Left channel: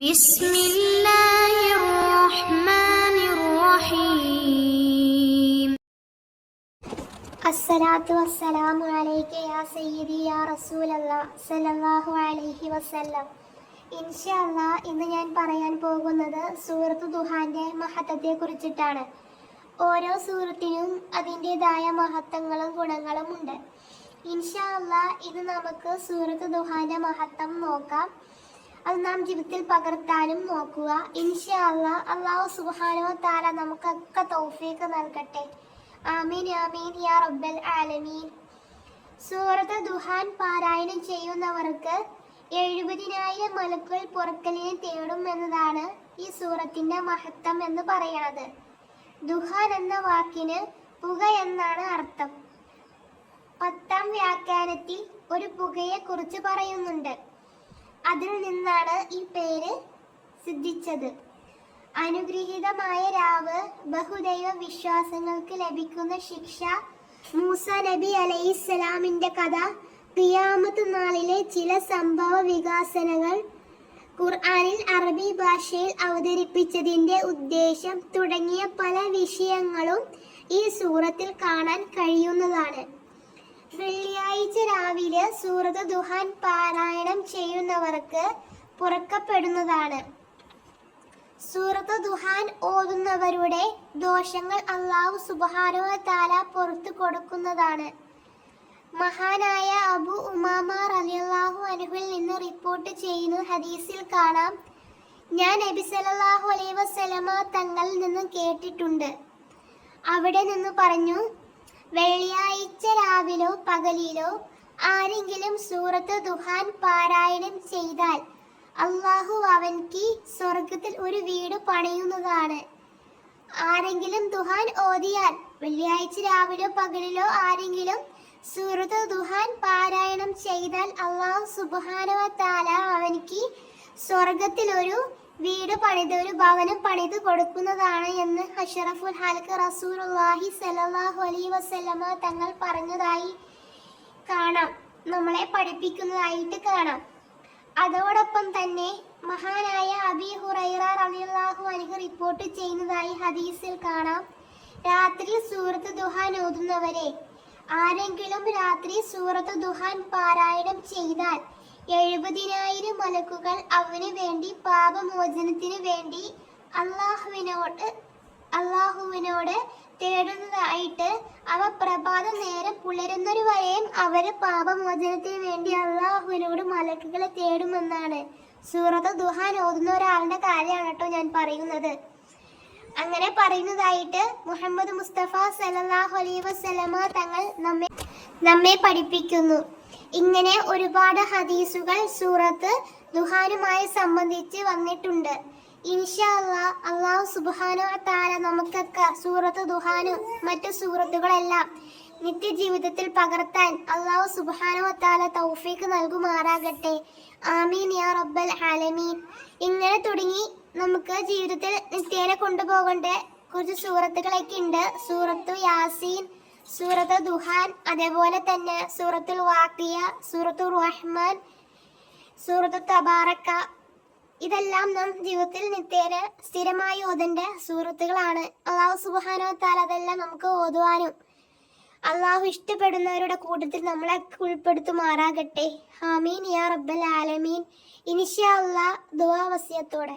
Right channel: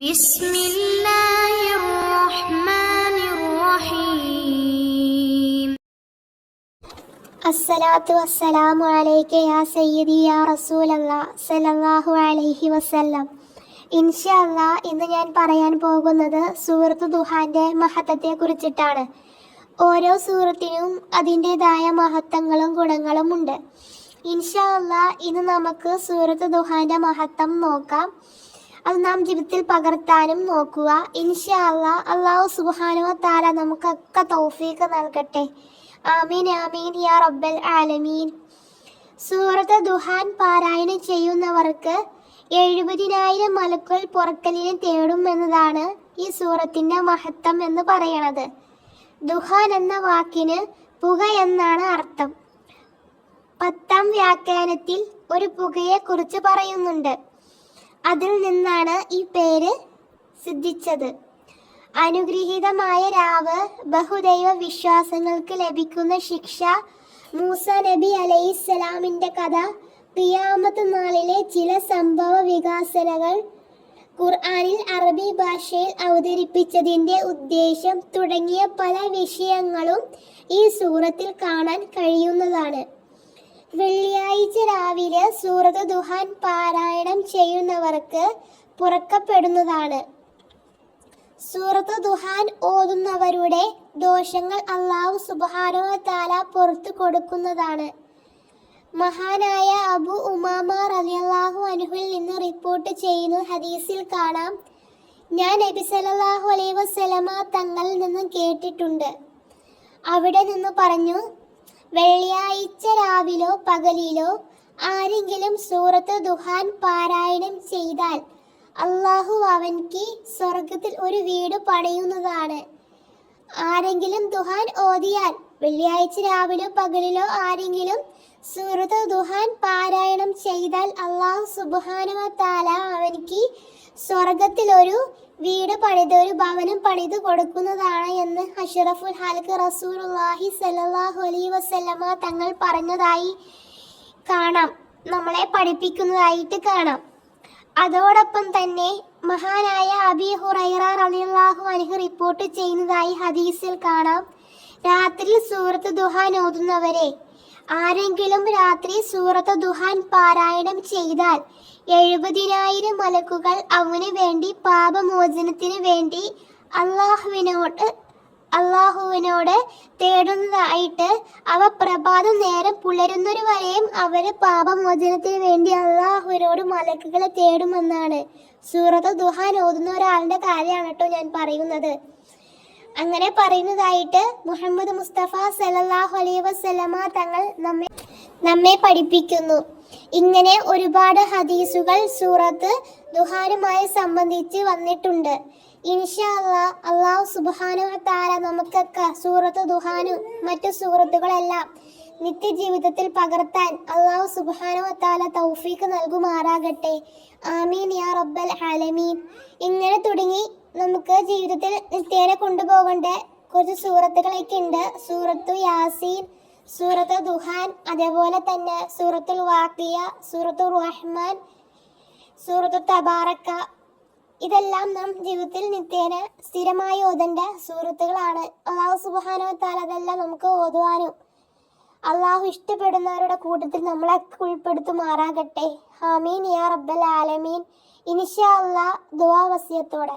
بسم الله الرحمن الرحيم അസ്സലാത്തു വസ്സലാമു അലൈക യാ സയ്യിദി യാ റസൂലല്ലാഹ് സല്ലല്ലാഹു അലൈഹി വസല്ലം. ഇൻഷാ അല്ലാഹ് ഇന്ന് ഞാൻ പറയാൻ പോകുന്നത് സൂറത്ത് ദുഹാന്റെ മഹത്വത്തെ കുറിച്ചിട്ടാണ്. ഓരോ സൂറത്തിനും അതിൻ്റെതായ മഹത്വങ്ങളും ഗുണങ്ങളും ഉണ്ട്. ഇൻഷാ അല്ലാഹ് ഇന്ന് നമുക്ക് സൂറത്ത് ദുഹാന്റെ മഹത്വം നോക്കാം. അത് നാം ജീവിതത്തിൽ പകർത്താനും നോക്കുക. ഇൻഷാ അല്ലാഹ് അല്ലാഹു സുബ്ഹാനഹു വ തആല നമുക്കൊക്കെ തൗഫീഖ് നൽകട്ടെ. ആമീൻ ആമീൻ യാ റബ്ബൽ ആലമീൻ. സൂറത്ത് ദുഹാൻ പാരായണം ചെയ്യുന്നവർക്ക് 70,000 മലക്കുകൾ പൊറുക്കലിനെ തേടും എന്നതാണ് ഈ സൂറത്തിന്റെ മഹത്വം എന്ന് പറയണത്. ദുഹാൻ എന്ന വാക്കിന് പുക എന്നാണ് അർത്ഥം. 10ാം വ്യാഖ്യാനത്തിൽ ഒരു പുകയെ കുറിച്ച് പറയുന്നുണ്ട്. അതിൽ നിന്നാണ് ഈ പേര് സിദ്ധിച്ചത്. അനുഗ്രഹീതമായ രാവ്, ബഹുദൈവ വിശ്വാസങ്ങൾക്ക് ലഭിക്കുന്ന ശിക്ഷ, മൂസ നബി അലൈഹിസ്സലാമിന്റെ കഥ, ഖിയാമത്ത് നാളിലെ ചില സംഭവ വികാസനകൾ, ഖുർആനിൽ അറബി ഭാഷയിൽ അവതരിപ്പിച്ചതിന്റെ ഉദ്ദേശം തുടങ്ങിയ പല വിഷയങ്ങളും ഈ സൂറത്തിൽ കാണാൻ കഴിയുന്നതാണ്. വെള്ളിയാഴ്ച രാവിലെ സൂറത്ത് ദുഹാൻ പാരായണം ചെയ്യുന്നവർക്ക് പുറക്കപ്പെടുന്നതാണ്. സൂറത്ത് ദുഹാൻ ഓതുന്നവരുടെ ദോഷങ്ങൾ അല്ലാഹു സുബ്ഹാനഹു വ തആല പുറത്തു കൊടുക്കുന്നതാണ്. മഹാനായ അബു ഉമാമ റളിയല്ലാഹു അൻഹുവിൽ നിന്ന് റിപ്പോർട്ട് ചെയ്യുന്ന ഹദീസിൽ കാണാം, ഞാൻ നബി സല്ലല്ലാഹു അലൈഹി വസല്ലമ തങ്ങളിൽ നിന്ന് കേട്ടിട്ടുണ്ട്. അവിടെ നിന്ന് പറഞ്ഞു, വെള്ളിയാഴ്ച രാവിലോ പകലിലോ ആരെങ്കിലും സൂറത്ത് ദുഹാൻ പാരായണം ചെയ്താൽ അള്ളാഹു അവൻക്ക് സ്വർഗത്തിൽ ഒരു വീട് പണിയുന്നതാണ്. ആരെങ്കിലും ദുഹാൻ ഓതിയാൽ വെള്ളിയാഴ്ച രാവിലോ പകലിലോ ആരെങ്കിലും സൂറത്ത് ദുഹാൻ പാരായണം ചെയ്താൽ അള്ളാഹു സുബ്ഹാനഹു വ തആല അവൻക്ക് സ്വർഗത്തിൽ ഒരു വീട് പണിത്, ഒരു ഭവനം പണിത് കൊടുക്കുന്നതാണ് എന്ന് അഷ്റഫുൽ ഖൽഖ് റസൂലുള്ളാഹി സ്വല്ലല്ലാഹു അലൈഹി വസല്ലമ തങ്ങൾ പറഞ്ഞതായി കാണാം, നമ്മളെ പഠിപ്പിക്കുന്നതായിട്ട് കാണാം. അതോടൊപ്പം തന്നെ മഹാനായ അബീ ഹുറൈറ റളിയല്ലാഹു അൻഹു റിപ്പോർട്ട് ചെയ്യുന്നതായി ഹദീസിൽ കാണാം, രാത്രിയിൽ സൂറത്ത് ദുഹാൻ ഓതുന്നവരെ ആരെങ്കിലും രാത്രി സൂറത്ത് ദുഹാൻ പാരായണം ചെയ്താൽ 70,000 മലക്കുകൾ അവന് വേണ്ടി പാപമോചനത്തിന് വേണ്ടി അള്ളാഹുവിനോട് തേടുന്നതായിട്ട് അവ പ്രഭാതം നേരം പുലരുന്നൊരു വരെയും അവര് പാപമോചനത്തിന് വേണ്ടി അള്ളാഹുവിനോട് മലക്കുകളെ തേടുമെന്നാണ്. സൂറത്ത് ദുഹാൻ ഓതുന്ന ഒരാളുടെ കാര്യമാണ് കേട്ടോ ഞാൻ പറയുന്നത്. അങ്ങനെ പറയുന്നതായിട്ട് മുഹമ്മദ് മുസ്തഫ സല്ലല്ലാഹു അലൈഹി വസല്ലമ തങ്ങൾ നമ്മെ പഠിപ്പിക്കുന്നു. ഇങ്ങനെ ഒരുപാട് ഹദീസുകൾ സൂറത്ത് ദുഹാനുമായി സംബന്ധിച്ച് വന്നിട്ടുണ്ട്. ഇൻഷാ അല്ലാഹ് അല്ലാഹു സുബ്ഹാനഹു വ തആല നമുക്കൊക്കെ സൂറത്ത് ദുഹാനും മറ്റു സൂറത്തുകളെല്ലാം നിത്യജീവിതത്തിൽ പകർത്താൻ അല്ലാഹു സുബ്ഹാനഹു വ തആല തൗഫീഖ് നൽകുമാറാകട്ടെ. ആമീൻ യാ റബ്ബൽ ആലമീൻ. ഇങ്ങനെ തുടങ്ങി നമുക്ക് ജീവിതത്തിൽ നിത്യേന കൊണ്ടുപോകേണ്ട കുറച്ച് സൂറത്തുകളൊക്കെ ഉണ്ട്. സൂറത്തു യാസീൻ, സൂറത്ത് ദുഹാൻ, അതേപോലെ തന്നെ സൂറത്തുൽ വാഖിയ, സൂറത്തുർ റഹ്മാൻ, സൂറത്തു തബാറക്ക, ഇതെല്ലാം നാം ജീവിതത്തിൽ നിത്യേന സ്ഥിരമായി ഓതേണ്ട സൂറത്തുകളാണ്. അല്ലാഹു സുബ്ഹാനഹു വ തആല അതെല്ലാം നമുക്ക് ഓതുവാനും അള്ളാഹു ഇഷ്ടപ്പെടുന്നവരുടെ കൂട്ടത്തിൽ നമ്മളെ ഉൾപ്പെടുത്തുമാറാകട്ടെ. ആമീൻ യാ റബ്ബൽ ആലമീൻ. ഇൻഷാ അല്ലാഹ് ദുആ വസിയത്തോടെ.